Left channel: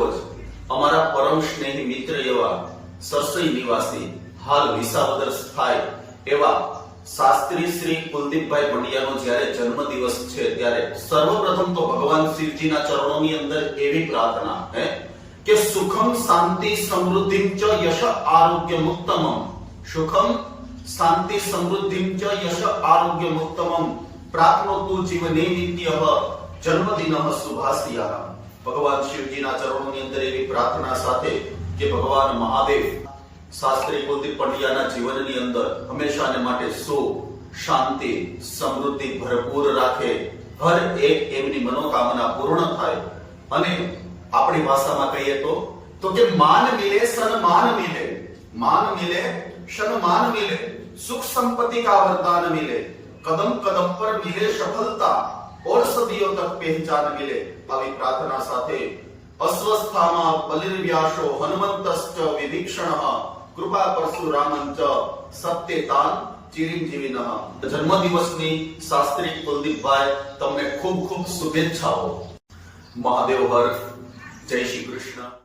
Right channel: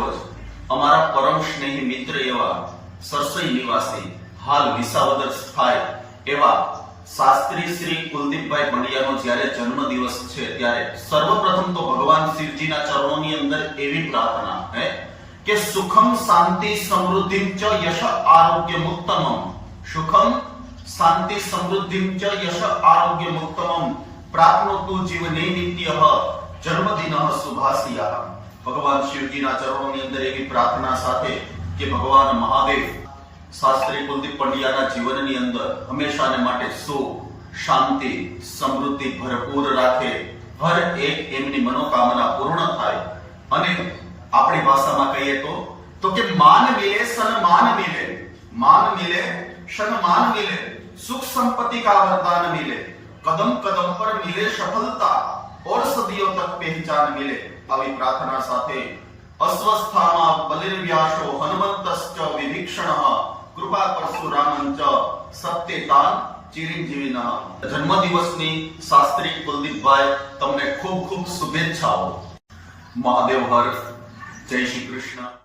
રોજ અમારા પરમ સ્નેહી મિત્ર એવા સરસઈ નિવાસી હાલ વિસાવદર સ્થાય એવા શાસ્ત્રી શ્રી કુલદીપભાઈ પંડ્યાનો જ્યારે જન્મદિવસ છે ત્યારે સર્વપ્રથમ તો ભગવાન શિવજીના ચરણોની અંદર એવી પ્રાર્થના હે કે સુખમ શાંતિ સમૃદ્ધિ ચ યશ આરોગ્ય મુક્તમમ, સુખમ શાંતિ સમૃદ્ધિ ચ યશ આરોગ્ય મુક્તમમ પ્રાપ્નોતુ જીવને નિત્યઃ જન્મદિનઃ શુભાસ્યાઃ। ભગવાન શિવજીના ચરણોની અંદર એવી પ્રાર્થના સાથે કે ભગવાન મહાદેવ શાસ્ત્રી કુલદીપ પંડ્યાના જીવનની અંદર હંમેશાને માટે સુખ, શાંતિ, સમૃદ્ધિ ભરપૂર રાખે, હર એક એમની મનોકામના પૂર્ણ થાય અને આપણી ભાષામાં કહીએ તો કે માન મિલે સન્માન મિલે, માન મિલે સન્માન મિલે, સુખ संपत्ति का वरदान मिले, कदम कदम पर मिले सफलता और सदियों तक पहचान मिले। આવી પ્રાર્થના સાથે અસ્વસ્થામાં બલિર્વ્યાસો હનુમંતશ્ચ વિભીષણઃ કૃપા પરશુરામંચ સત્યતાન ચિરંજીવિનઃ। જન્મદિવસની શાસ્ત્રી કુલદીપભાઈ તમને ખૂબ ખૂબ શુભેચ્છાઓ। મહાદેવ હર, જય શ્રી કૃષ્ણ।